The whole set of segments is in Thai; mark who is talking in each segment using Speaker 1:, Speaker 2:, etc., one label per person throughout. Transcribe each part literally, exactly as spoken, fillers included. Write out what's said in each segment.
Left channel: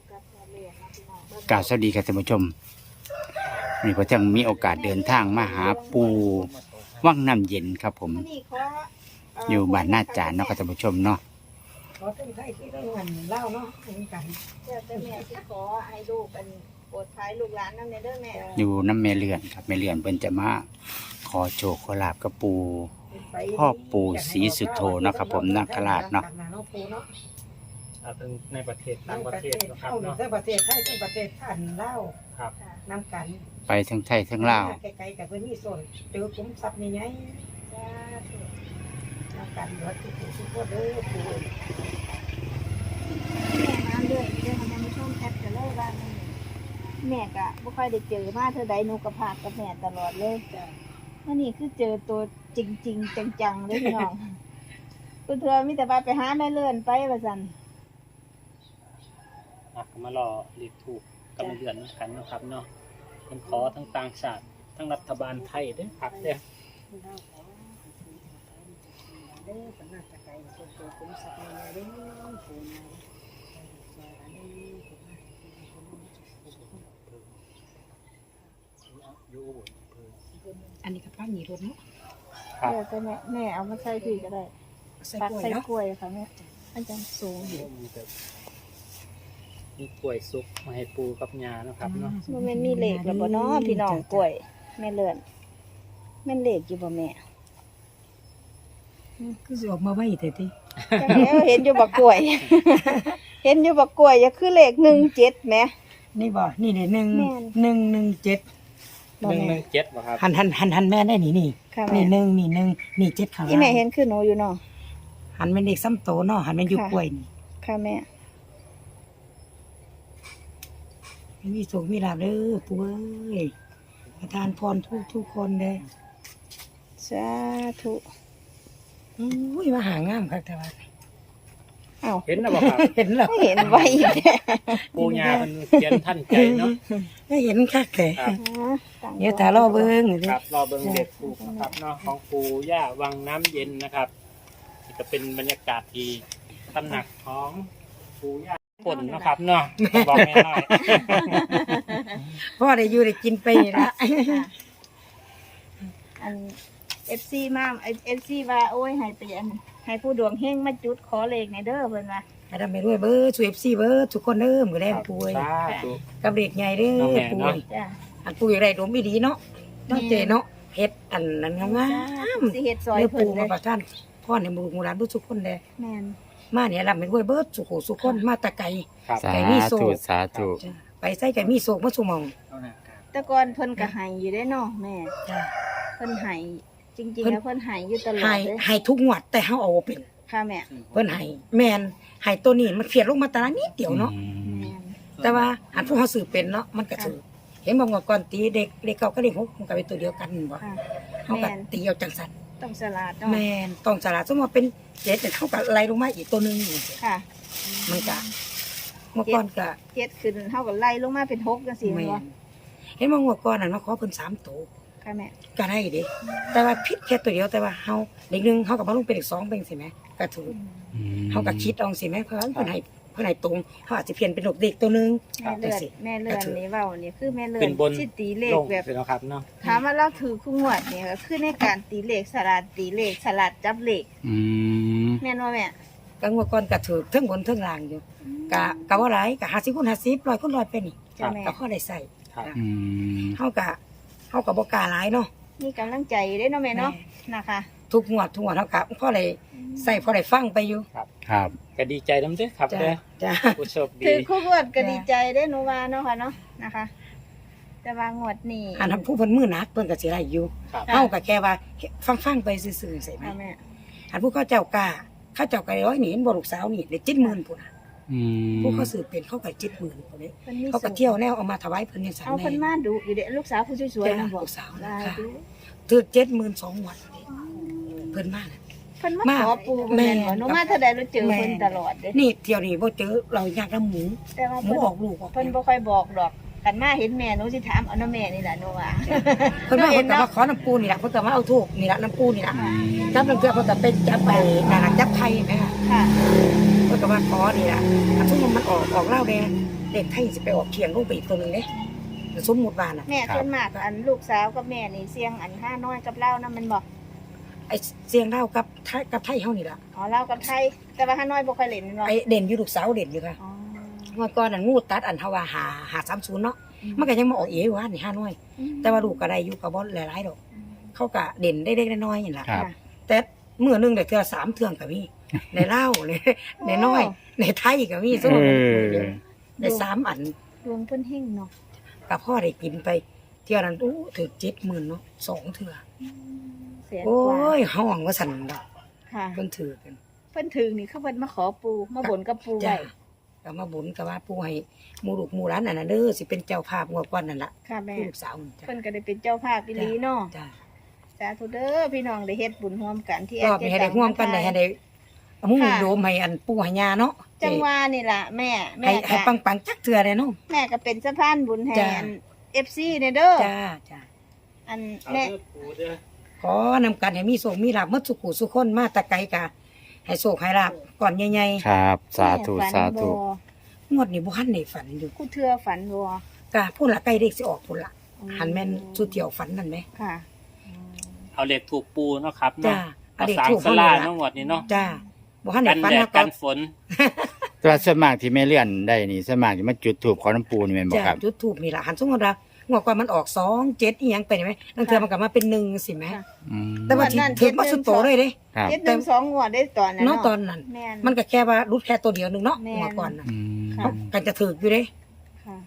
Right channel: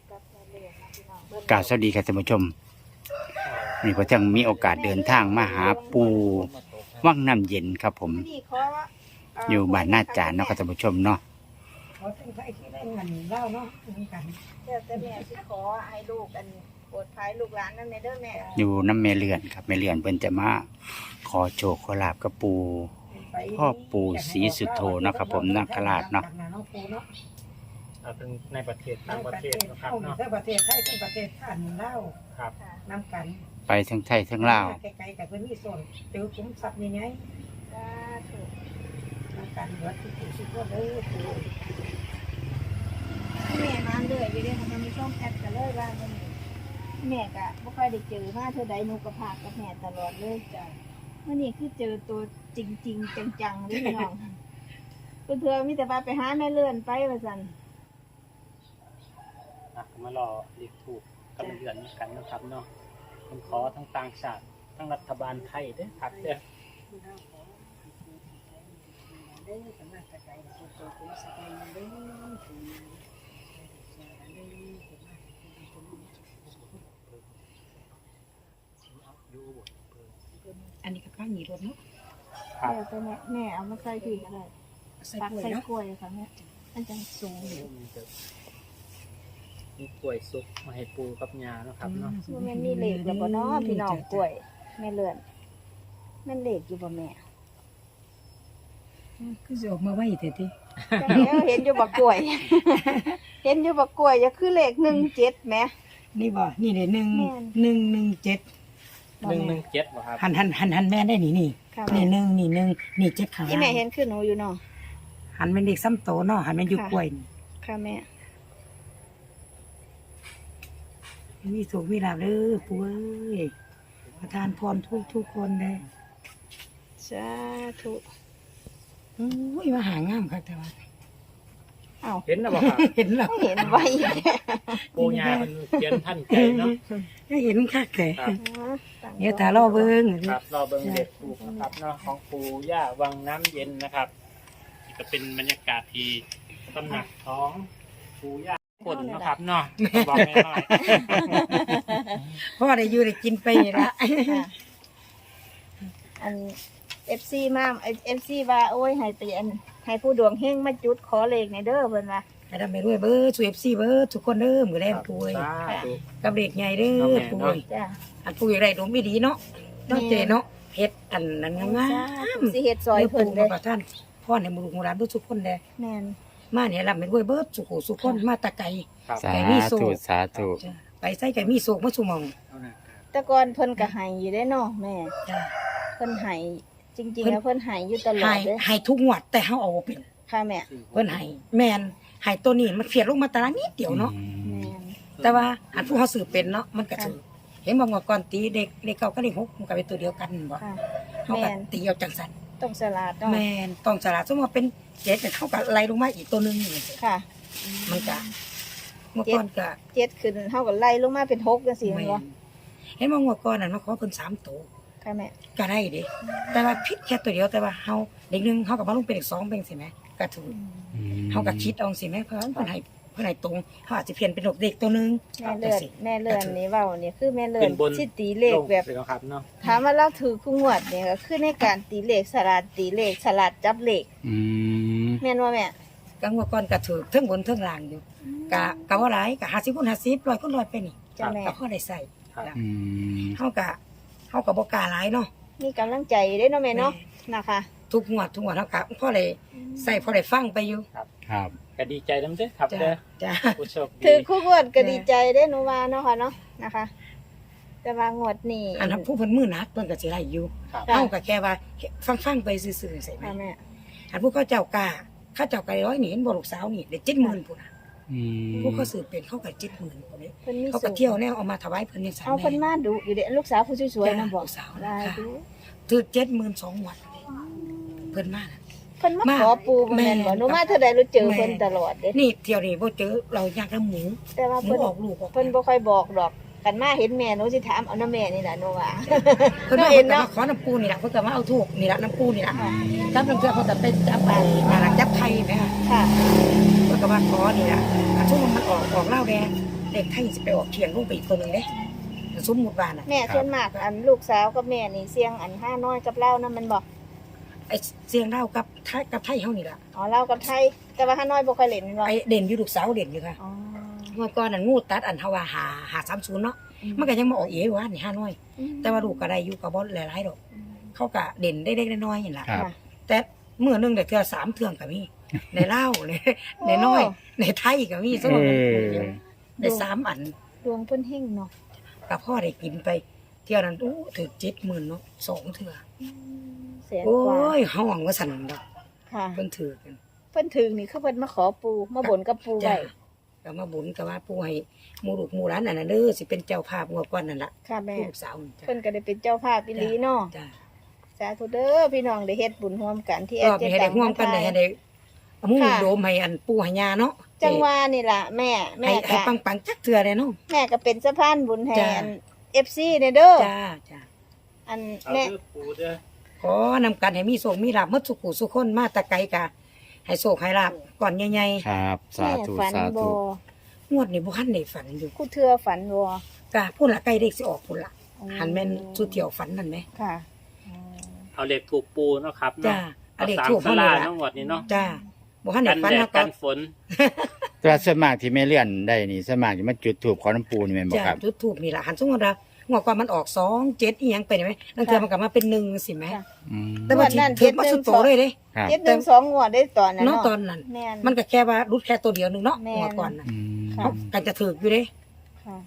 Speaker 1: กราบสวัสดีครับท่านผู้ชมวันนี้พอเที่ยงมีโอกาสเดินทางมาหาปูวังน้ำเย็นครับผมอยู่บ้านหน้าจานเนาะครับท่านผู้ชมเนาะ
Speaker 2: ขอเป็นใครที่ได้เงินเล่าเนาะมีกัน
Speaker 3: เจ้าแต่แม่ที่ขอให้ลูกกันโปรดภัยลูกหลานนั่นเด้อแม่
Speaker 1: อยู่น้ำแม่เลื่อนครับแม่เลื่อนเพิ่นจะมาขอโชคขอลาบกับปูพ่อปูศรีสุโธเนาะครับผมนาคราชเนาะ
Speaker 4: เอาทั้งในประเทศต่างประเทศนะครับเนาะ
Speaker 2: ทั้งประเทศไทยทั้งประเทศท่านเล่า
Speaker 4: ครับ
Speaker 2: น้ำกัน
Speaker 1: ไปทั้งไทยทั้งลาว
Speaker 2: ไกลๆกับเพื่อนมีส่วนเจอคุ้มทรัพย์นี่ไงน้ำกันวัดที่ปู่สุโขทัยปู่
Speaker 3: แม่มาเรื่อยเรื่อยทำให้ช่องแอปกันเลยว่าแม่กะไม่ค่อยได้เจอมาเธอใดนูกระพากกับแม่ตลอดเลยจ้ะมื่อนี้คือเจอตัวจริงๆจังๆเลยพี่น้องเพื่อนๆมีแต่ว่าไปหาแม่เลื่อนไปว่าสัน
Speaker 4: มารอเรียกถูกกำเดือนกันนะครับเนาะผมขอทั้งต่างชาติทั้งรัฐบาลไทยด้วยครับเด้อ
Speaker 2: เด้อสำนักไกลๆคนโตคุ้มทรัพย์นี่เด้อปู่นายอันนี้กับป้าหนีรถเนาะ
Speaker 3: เดี๋ยวแต่แม่แม่เอามาใส่ที่ก็ได้ตักใส่กล้วยค่ะแม่อันจังสูงอยู่
Speaker 4: มีกล้วยซุกมาให้ปูกับยานะครับเนาะ
Speaker 3: มันไม่มีเหล็กหรือบ่เนาะพี่น้องกล้วยแม่เลื่อนแม่เหล็กอยู่บ่แม่
Speaker 2: คือจะออกมาไว้แต่ที่
Speaker 3: แล้วเห็นอยู่บักกล้วยเห็นอยู่บักกล้วยอย่าคือเลขหนึ่งเจ็ดแม่
Speaker 2: นี่บ่นี่เดี๋ยวหนึ่งหนึ่งหนึ่งเจ็ด
Speaker 4: หนึ่งหนึ่งเจ็ดบ่ครับ
Speaker 2: หันหันหันหันแม่ได้หนีนี่นี่หนึ่งนี่หนึ่งนี่เจ็ดขา
Speaker 3: ที่แม่เห็นคือหนูอยู่เนาะ
Speaker 2: หันเป็นเด็กซ้ำโตเนาะหันเป็นอยู่กล้วยนี่
Speaker 3: ค่ะแม่
Speaker 2: มีสุขมีลาภเด้อปู่เอ้ยประทานพรทุกทุกคนเลย
Speaker 3: สาธุ
Speaker 2: อุ้ยมาหางามครับแต่ว่า
Speaker 4: เห็นแล้วบ่ครับ
Speaker 2: เห็นแล้ว
Speaker 3: เห็นไว้
Speaker 4: ปูยามันเขียนท่านใจเนาะ
Speaker 2: ได้เห็นคักแต่เนี่ยแต่รอเบิ้ง
Speaker 4: ครับรอเบิ้งเด็ดปูนะครับเนาะของปูย่าวังน้ำเย็นนะครับจะเป็นบรรยากาศที่ตำหนักของปูย่าฝนนะครับเนาะบอกแม่น้อย
Speaker 2: พ่อได้อยู่ได้กินไปละ
Speaker 3: อันเอฟซีมาเอฟซีว่าโอ้ยให้เตียนให้ผู้ดวงเฮงมาจุดขอเลขในเด้อเพิ่นว่า
Speaker 2: ให้ทำไปด้วยเบอร์ช่วยเอฟซีเบอร์ทุกคนเด้อมือแรงป่วยกับเด็กใหญ่เด้อป่วยอันป่วยอะไรดมไม่ดีเนาะเนาะเจเนาะเฮ็ดอันนั้นงาม
Speaker 3: สิเฮ็ดซอย
Speaker 2: เพิ่นมาประทานพ่อในมือของร้านทุกคนเลย
Speaker 3: แม่น
Speaker 2: มาเนี่ยลำเป็นด้วยเบอร์สุโขสุคนมาตะไก่
Speaker 1: ไก่มีโศกสาธุ
Speaker 2: ไปใส่ไก่มีโศกมาสุมอง
Speaker 3: แต่ก่อนเพิ่นก็ให้อยู่ได้เนาะแม่เพิ่นให้จริงๆแล้วเพิ่นให้อยู่ตลอด
Speaker 2: ให้ให้ทุกงวดแต่เฮาเอาบ่เป็น
Speaker 3: ค่ะแม่
Speaker 2: เพิ่นให้แม่นให้ตัวนี้มันเฟียดลงมาตารางนิดเดียวเนาะแต่ว่าอันผู้เฮาซื้อเป็นเนาะมันก็ถือเห็นบ่ว่าก่อนตีเด็กเด็กเก่าก็เด็กหกมันก็เป็นตัวเดียวกันบ่เฮาก็ตีเอาจังซั่น
Speaker 3: ต้องสลัด
Speaker 2: แม่นต้องสลัดสมมุติว่าเป็นเจ็ดแต่เฮาก็ไล่ลงมาอีกตัวนึง
Speaker 3: ค่ะ
Speaker 2: มันก็เมื่อก่อนก็
Speaker 3: เจ็ดขึ้นเฮาก็ไล่ลงมาเป็นหกจังซี่บ่
Speaker 2: เห็นบ่ว่าก่อนนั้นมาขอเพิ่นสามตัว
Speaker 3: ค่ะแม่
Speaker 2: ก็ได้เด้แต่ว่าผิดแค่ตัวเดียวแต่ว่าเฮาเด็กนึงเฮาก็มาลงเป็นเด็กสองเป็นสิแม่ก็ถูกเฮาก็คิดเอาสิแม่เพิ่นเพิ่นให้เพิ่นให้ตรงเฮาอาจจะเพี้ยนเป็นเด็กตัวนึง
Speaker 3: จังซี่แม่เลื่อนนี่เว้านี่คือแม่เลื่อนสิตีเลขแบบ
Speaker 4: ครับเนาะ
Speaker 3: ถามว่าเราถือคู่งวดนี่ก็คือในการตีเลขสลัดตีเลขสลัดจับเลข
Speaker 1: อืม
Speaker 3: แม่นบ่แม่
Speaker 2: ก็งวดก่อนก็ถูกทั้งบนทั้งล่างอยู่ก็ก็บ่หลายก็ห้าสิบคูณห้าสิบ ร้อยคูณร้อยไปนี่ก็พอได้ใช้
Speaker 1: อืม
Speaker 2: เฮาก็เฮาก็บ่กล้าหลายเนาะ
Speaker 3: มีกำลังใจได้เนาะแม่เนาะนะคะ
Speaker 2: ทุกงวดทุกงวดเฮาก็พอได้ใส่พอได้ฟังไปอยู่
Speaker 4: ครับครับก็ดีใจนำเด้อครับเด้อ
Speaker 2: จ้า
Speaker 4: ผู้โชคดี
Speaker 3: คือคู่งวดก็ดีใจได้หนูว่าเนาะค่ะเนาะนะคะแต่ว่างวดนี้
Speaker 2: อันผู้เพิ่นมือหนักเพิ่นก็สิได้อยู่เฮาก็แค่ว่าฟังๆไปซื่อๆใช่มั้ยอันผู้เขาเจ้ากล้าเขาเจ้าก็ร้อยนี่เห็นบ่ลูกสาวนี่ได้ เจ็ดหมื่น พุ่นน่ะ
Speaker 1: อืม
Speaker 2: ผู้เขาสืบเป็นเขาก็ เจ็ดหมื่น พุ่นนี้เขาก็เที่ยวแนวเอามาถวายเพิ่นจังซั่น
Speaker 3: แม่เอาเพิ่นมาดูอยู่เด้ลูกสาวผู้สวยๆ
Speaker 2: บอกลูกสาวนะค่ะถูก เจ็ดหมื่นสอง งวดเพิ่นมาน่ะ
Speaker 3: เพิ่นมาขอปูแม่หนูมาเท่าใดเราเจอเพิ่นตลอดเด้
Speaker 2: นี่เที่ยวนี้บ่เจอเราอยากนำหมู
Speaker 3: แต่ว่า
Speaker 2: หมูออกลูก
Speaker 3: เพิ่นบ่ค่อยบอกดอกกันมาเห็นแม่หนูสิถามเอาน้ำแม่นี่ล่ะหนูว่า
Speaker 2: เพิ่นมาเพิ่นก็มาขอน้ำปูนี่ล่ะเพิ่นก็มาเอาทูบนี่ล่ะน้ำปูนี่ล่ะจับน้ำเกลือเพิ่นก็ไปจับไปนั่นล่ะจับไข่แม่ค่ะเพิ่นก็มาขอนี่ล่ะอันซุ่มมันออกออกเหล้าแดงแเลขไทยสิไปออกเที่ยงลงไปอีกตัวหนึงเด้สมมุติว่าน่ะ
Speaker 3: แม่ส่วนมากอันลูกสาวกับแม่นี่เสียงอันห้าน้อยกับเล่านั่นมันบอก
Speaker 2: ไอ้เสียงเล่าวกับไทยกับไทยเฮานี่ล่ะ
Speaker 3: อ๋อเล่ากับไทยแต่ว่าห้าน้อยบ่ค่อยเล่นแม่นบ่
Speaker 2: ไอ้เด่นอยู่ลูกสาวเด่นอยู่ค่ะ
Speaker 3: อ๋อ
Speaker 2: เมื่อก่อนนั่นงูตัดอันเฮาว่าหาหาสามศูนย์เนาะมันก็ยังมาออกเอ๋ว่านี่ห้าน้อย แต่ว่าลูกก็ได้อยู่กับบ่หลายๆดอก เขาก็เด่นได้เล็กๆน้อยๆนี่ล่ะ
Speaker 1: ครับ
Speaker 2: แต่มื้อหนึงได้เทื่อสามเทื่องก็มีในลาวในในน้อยในไทยก็มีซุ่
Speaker 1: เอ
Speaker 2: ม
Speaker 1: อ
Speaker 2: ได้สามอัน
Speaker 3: ดวงเพิ่นเฮงเนาะ
Speaker 2: กับพ่อได้กินไปเที่ยวนั้นโอ้ถึงเจ็ดหมื่นเนาะสองเถื่อ
Speaker 3: เสีย
Speaker 2: โอ้
Speaker 3: กว่าย
Speaker 2: ห้องว่าสั่นดอก
Speaker 3: ค่ะ
Speaker 2: เพิ่นถือกัน
Speaker 3: เพิ่นถึงนี่คือเพิ่นมาขอปูมาบ่นกับปู
Speaker 2: จ้า
Speaker 3: ไว้
Speaker 2: ก็มาบุญก็ว่าปู่ให้หมู่ลูกหมู่หลานนั่นน่ะเด้อสิเป็นเจ้าภาพงวดก่อนนั่นล่ะ
Speaker 3: ค่ะแม่
Speaker 2: ผู้ลูกสาวนั่นจ้ะ
Speaker 3: เพิ่นก็ได้เป็นเจ้าภาพอีหลีเนาะ
Speaker 2: จ้า
Speaker 3: สาธุเด้อพี่น้องได้เฮ็ดบุญร่วมกันที่
Speaker 2: รอบนี้ให้ได้ร่วมกันได้ให้ได้เอามุ่งโดมให้อันปู่ให้ย่าเนาะ
Speaker 3: จังหวะนี่ล่ะแม่แม่
Speaker 2: ให้ให้
Speaker 3: ก็
Speaker 2: ปังๆจักเทื่อได้เนาะ
Speaker 3: แม่ก็เป็นสะพานบุญให้
Speaker 2: จ้า
Speaker 3: อัน เอฟ ซี เนี่ยเด้อ
Speaker 2: จ้าจ้า
Speaker 3: อัน
Speaker 4: เอา
Speaker 3: แม่
Speaker 4: เด้อปูเด้อ
Speaker 2: ขอนำกันให้มีโชคมีลาภหมดสุขุสุขคนมาแตะไกลกะให้โชคให้ลาภก่อนใหญ่
Speaker 1: ครับ สาธุ
Speaker 3: แม่ฝัน
Speaker 1: สาธุ
Speaker 3: บ่
Speaker 2: ๆงวดนี้บ่ทันได้ฝันอยู่
Speaker 3: คู่เทือฝันบ่
Speaker 2: กะพูดละใกล้เลขสิออกพุ่นละหันแม่นสุดเที่ยวฝันนั่นไหม
Speaker 3: ค่ะ
Speaker 4: เอาเหล็กถูกปูเนาะครับ
Speaker 2: จ้า
Speaker 4: เนาะ
Speaker 2: อันเลข
Speaker 4: สาม
Speaker 2: ถูก
Speaker 4: ส
Speaker 2: เฮานี่
Speaker 4: ลา
Speaker 2: ล่ะ
Speaker 4: ทั้งหมดนี่เนาะ
Speaker 2: จ้าบ่ทันได้ฝัน
Speaker 4: แด
Speaker 2: เฮา
Speaker 4: ด
Speaker 2: ก็
Speaker 4: กันฝน
Speaker 1: แต่ว่าส่วนมากที่แม่เลื่อนได้นี่ส่วนมากจะมาจุดถูกขอน้ำปูนี่แม่นบ่
Speaker 2: จ้า
Speaker 1: ครับ
Speaker 2: จุดทูบนี่ล่ะหันสมมุติว่างวดก่อนมันออกสองเจ็ดอีหยังไปนี่ไหมนั่นเทื่อมันก็มาเป็นหนึ่งสิแหม
Speaker 1: อืม
Speaker 2: แต่ว่าที่ถึงมาสุดโตเลยเด้
Speaker 1: ครับ
Speaker 3: เจ็ดหนึ่งสองงวดได้ตอนนั้น
Speaker 2: เนาะตอนนั้น
Speaker 3: แม่น
Speaker 2: มันก็แค่ว่ารุดแค่ตัวเดียวหนึงเนาะ
Speaker 3: แม่น
Speaker 2: งวดก่อนน่ะ
Speaker 1: อืม
Speaker 2: เขากันจะถึกอยู่เด้
Speaker 3: ค่ะ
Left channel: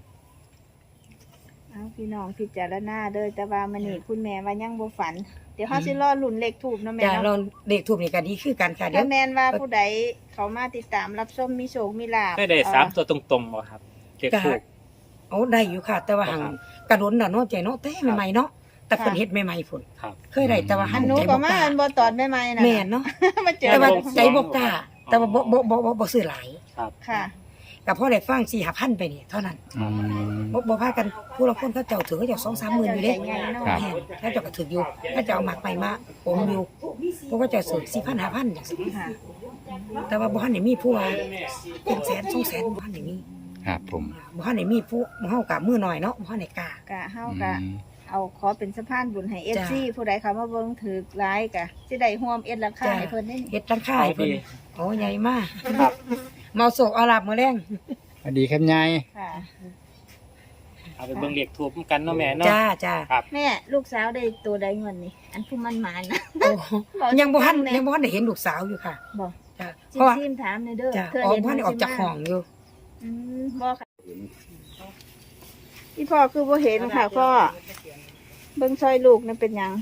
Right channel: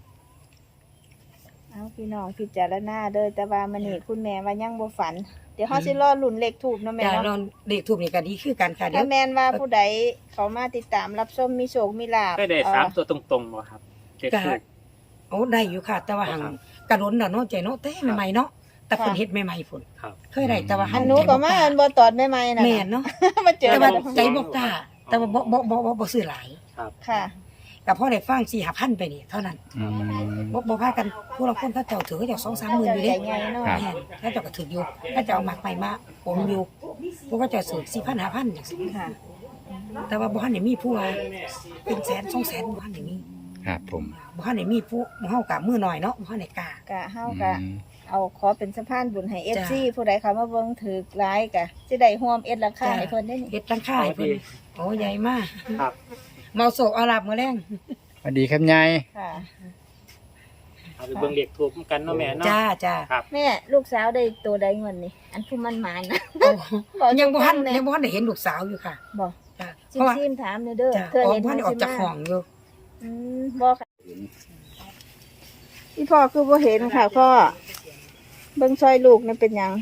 Speaker 3: เอาพี่น้องพิจารณาเด้อแต่ว่ามันนี่คุณแม่ว่ายังบ่ฝัน เดี๋ยวเฮาสิรอลุ้นเลขถูกเนาะแม่
Speaker 2: จ้าเรา
Speaker 3: เนาะ
Speaker 2: เลขทูบนี่ก็ดีคือกันค่ะเดี๋ย
Speaker 3: ถ้าว แม่นว่าผู้ใดเขามาติดตามรับชมมีโชคมีลาภ
Speaker 4: ไม่ได้สาม
Speaker 3: เอ่อ
Speaker 4: ตัวตรงๆบ่ครับเหล็ก
Speaker 2: ก็
Speaker 4: ถูก
Speaker 2: โอ้ได้อยู่ค่ะ แต่ว่าหังกระโดนน่ะเนาะใจเนาะแต่ใหม่ๆเนาะแต่เพิ่นเฮ็ดใหม่ๆพุ่น
Speaker 4: ครับ
Speaker 2: เคยได้แต่ว่า
Speaker 3: อั
Speaker 2: หั
Speaker 3: น
Speaker 2: น
Speaker 3: หนู
Speaker 2: ใจ
Speaker 3: ก็
Speaker 2: บ่
Speaker 3: มาก
Speaker 2: ล้า
Speaker 3: อันบ่ตอนใหม่ๆนะ
Speaker 2: แม่นเนาะ
Speaker 3: มาเจอ
Speaker 2: แต่ว่า
Speaker 3: ลง
Speaker 2: ใจบ่กล้า แต่ว่าบ่บ่บ่บ่บ่ซื้อหลาย
Speaker 4: ครับ
Speaker 3: ค่ะ
Speaker 2: ก็พอได้ฟัง สี่ห้าพัน ไปนี่เท่านั้น
Speaker 1: อืม
Speaker 2: บ่บ่พากันผู้ละคนเขาเจ้าถือเขาเจ้า สองสามหมื่นอยู่เด้
Speaker 1: ครับ
Speaker 2: แม่นเขาเจ้าก็ถืออยู่เขาเจ้าเอาหมักไปมาอมอยู่พวกเขาเจ้าซื้อ สี่พัน ห้าพัน จังซี่
Speaker 3: ค่ะ
Speaker 2: แต่ว่าบ่ทันได้มีผู้ว่าเป็นแสนสองแสนบ่ทันได้มี
Speaker 1: ครับผม
Speaker 2: บ่ทันได้มีผู้เฮาก็มือน้อยเนาะบ่ทันได้กล้า
Speaker 3: กะเฮา
Speaker 1: อื
Speaker 3: กะ
Speaker 1: ม
Speaker 3: เอาขอเป็นสะพานบุญให้ เอฟ
Speaker 2: จ้ะ
Speaker 3: ซี ผู้ใดเขามาเบิ่งถือร้ายกะสิได้ร่วมเอ็ดราคา
Speaker 2: จ้ะ
Speaker 3: ให้เพิ่นได้นี่
Speaker 2: เฮ็ดตั้งค่ายเพิ่นโอ้ใหญ่มาก
Speaker 4: ครับ
Speaker 2: เมาโศกเอาลาบมื้อแรง
Speaker 1: สวัสดีครับยาย
Speaker 3: ค่ะ
Speaker 4: เอาไปเบิ่งเหล็กถูกกันเนาะแม่เนาะ
Speaker 2: จ้าจ้า
Speaker 4: ครับ
Speaker 3: แม่ลูกสาวได้ตัวใดเงินนี่ อันผู้มันหมานนะ
Speaker 2: โอ้ยังบ่ทันยังบ่ทันได้เห็นลูกสาวอยู่ค่ะ
Speaker 3: บอก
Speaker 2: จ้าเพ
Speaker 3: ซิม
Speaker 2: ราะว่า
Speaker 3: ซิมถามเด้อเด้อ
Speaker 2: จ้า
Speaker 3: เทื่
Speaker 2: ออก
Speaker 3: เห็
Speaker 2: บ่ทันได้ออกจากห้องอยู่
Speaker 3: อืมบ่ค่ะพี่พ่อคือบ่เห็นค่ะพ่อเบิ่งซอยลูกนี่เป็นหยัง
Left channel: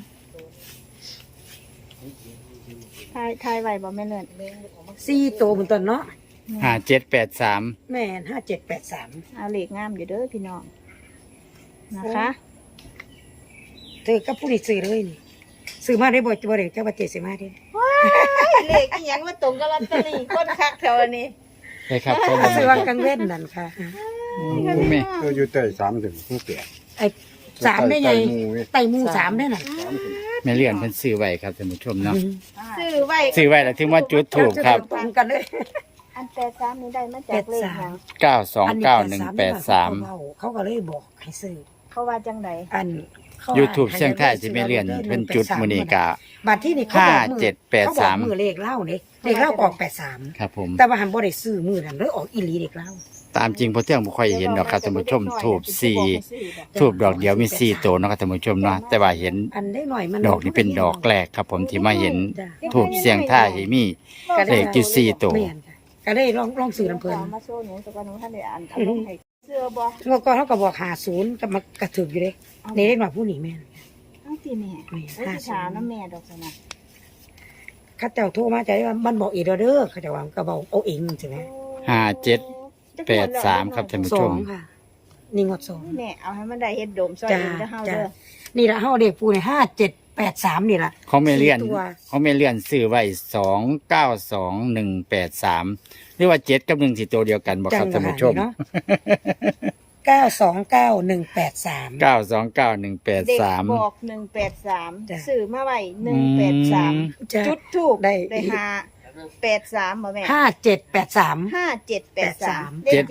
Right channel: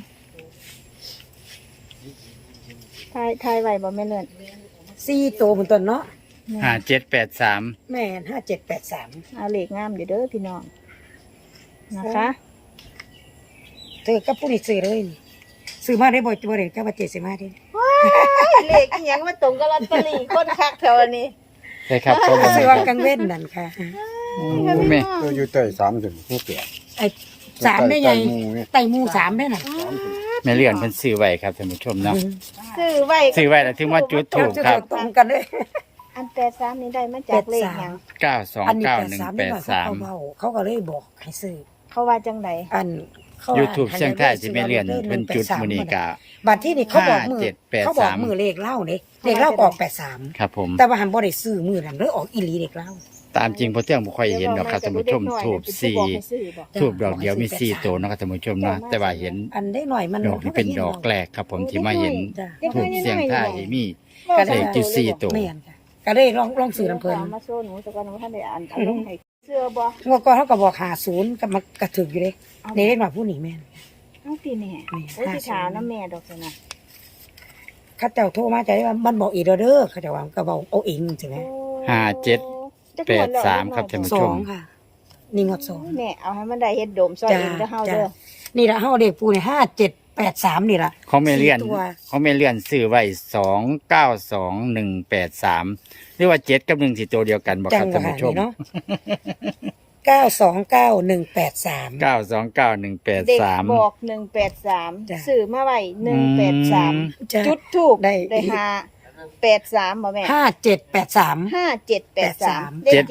Speaker 3: ทายทายไว้บ่แม่เลิศ
Speaker 2: สี่โตวบนต้นเนาะ
Speaker 1: ห้าเจ็ดแปดสาม
Speaker 2: แม่นห้าเจ็ดแปดสาม
Speaker 3: เอาเลขงามอยู่เด้อพี่น้องนะคะ
Speaker 2: เธอกับผู้นี้ซื้อเลยนี่ซื้อมาได้บ่บ่ได้เจ้าว่าเจ็ดสิมาได้
Speaker 3: เลขอีหยังมาตรงกับลอตเตอรี่คนคักแถวนี้
Speaker 1: ใช่ครับเขาบอก
Speaker 2: ซื้อว่ากลางเว้นนั่นค่ะ
Speaker 1: โอ้แม่
Speaker 5: เอออยู่ใต้สามถึงผู้เปลี่ยน
Speaker 2: ไอ้สามได้ไง
Speaker 5: ใต้หมู่เว้ย
Speaker 2: ไต่หมูสามได้น่ะ
Speaker 1: แม่เลื่อนเพิ่นซื้อไว้ครับท่านผู้ชมเนาะ
Speaker 3: ซื้อไว้
Speaker 1: ซื้อไว้แล้วถึงว่าจุดถูกครับ
Speaker 2: ตรงกันเลย
Speaker 3: อันแปดสามนี่ได้มาจากเลขหยัง
Speaker 1: เก้าสองเก้าหนึ่งแปดสาม
Speaker 2: เขาก็เลยบอกให้ซื้อ
Speaker 3: เขาว่าจังได
Speaker 2: อันเขา
Speaker 1: YouTube เสียงไทยที่แม่เลื่อนเพิ่นจุดมื้อนี้ก็
Speaker 2: บัตรที่นี่เขาบอกมือ
Speaker 1: ห้าเจ็ดแปดสาม
Speaker 2: เขบอกมือเลขเล่าเด้เลขเล่าออกแปดสาม
Speaker 1: ครับผม
Speaker 2: แต่ว่าหันบ่ได้ซื้อมือนั้นเลยออกอีหลีเลขเล่า
Speaker 1: ตามจริงพอเที่ยงบ่ค่อยเห็นดอกครับท่านผู้ชมถูกสี่ถูกดอกเดียวมีสี่ตัวเนาะครับท่านผู้ชมเนาะแต่ว่าเห็น
Speaker 2: อันได้หน่อยมัน
Speaker 1: ดอกนี้เป็นดอกแรกครับผมที่มาเห็น
Speaker 2: จ้ะ
Speaker 1: ถูกเสียงท่ายที่มีเลขจุดสี่ตัว
Speaker 2: แม่นจ้ะก็เลยลองลองซื้อน้ำเพลิน
Speaker 3: มาโซ่หนูสักวันหนูท่านได้อ่านเอาลงให้เสื้อบ่
Speaker 2: เมื่อก่อนเขาก็บอกหาศูนย์ก็มากระถึกอยู่เลยนี่ได้หน่อยผู้หนีแม่น
Speaker 3: เอาตีแม่
Speaker 2: นี่
Speaker 3: ไว้ที่ขาน้ำแม่ดอกนะ
Speaker 2: เข้าเจ้าโทรมาจะได้ว่ามันบอกอีกแล้วเด้อเขาเจะว่าก็บอกเอาเองใช่ไหม
Speaker 1: ห้าเจ็ดแปดสามครับท่านผู้
Speaker 2: ส
Speaker 1: ช
Speaker 2: อ
Speaker 1: ม
Speaker 2: งค่ะนี่งวดสอง
Speaker 3: แม่เอาให้มันได้เฮ็ดโดมซอย
Speaker 2: จ้า
Speaker 3: เองเด้อเฮา
Speaker 2: จ้า
Speaker 3: เด้อ
Speaker 2: นี่ละเฮาเด็กปูเนี่ยห้าเจ็ดแปดสามนี่ละ
Speaker 1: เขาไม่เลื่อน
Speaker 2: สี่ตัว
Speaker 1: เขาไม่เลื่อนซื้อไว้สองเก้าสองหนึ่งแปดสามหรือว่าเจ็ดกับหนึ่งสี่ตัวเดียวกันบอกครับท่านผู้ชม
Speaker 2: เนาะเก้าสองเก้าหนึ่งแปดสาม
Speaker 1: เก้าสองเก้าหนึ่งแปด
Speaker 3: เด็ก
Speaker 1: สาม
Speaker 3: บอกหนึ่งแปดสาม
Speaker 2: จ้ะ
Speaker 3: ซื้อมาไว้หนึ่งแปดสาม
Speaker 2: จ้ะ
Speaker 3: จุดทูบ
Speaker 2: ได้
Speaker 3: ได้ห้าแปดสามบ่แม่
Speaker 2: ห้าเจ็ดแปดสาม
Speaker 3: ห้าเจ็ดแปดสาม
Speaker 2: แปดสาม
Speaker 3: เลขเจ็ด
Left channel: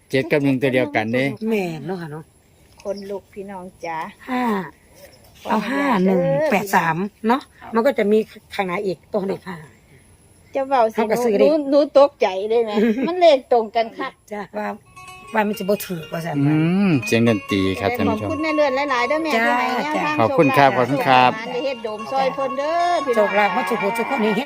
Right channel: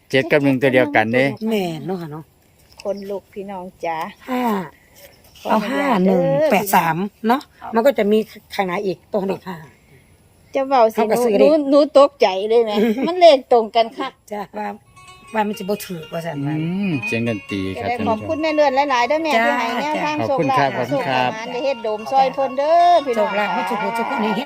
Speaker 1: เจ็ดกับหนึ่งตัวเดียวกันเด้
Speaker 2: แม่นเนาะค่ะเนาะ
Speaker 3: คนลูกพี่น้องจ๋า
Speaker 2: ห้าเอาห้าหนึ่งแปดสามเนาะมันก็จะมีข้างในอีกตัวเลขห้า
Speaker 3: เจะเบาสิ
Speaker 2: เขาก็ซื้อ
Speaker 3: ห
Speaker 2: ดิ
Speaker 3: นูหนูตกใจเลยนะ มันเลขตรงกันค่ะ
Speaker 2: จ้ะว่าว่ามันจะบ่ถือว่าซั่น
Speaker 1: อื
Speaker 2: ว่า
Speaker 1: มเสียงดนตรีครับท่าน
Speaker 3: ขอ
Speaker 1: ผู้
Speaker 3: บ
Speaker 1: ชม
Speaker 3: คุณแม่เนือนหลายๆเด้อแม่
Speaker 2: จ้า
Speaker 3: ที่ให้แนว
Speaker 2: จ้า
Speaker 3: ทาง
Speaker 1: ขอบคุณครับขอบคุณครับ
Speaker 3: ได้เฮ็ดโดมซอยเพิ่นเด้อพี่
Speaker 2: โช
Speaker 3: น้อง
Speaker 2: คลาภเขาทุกคนทุกคนเฮ็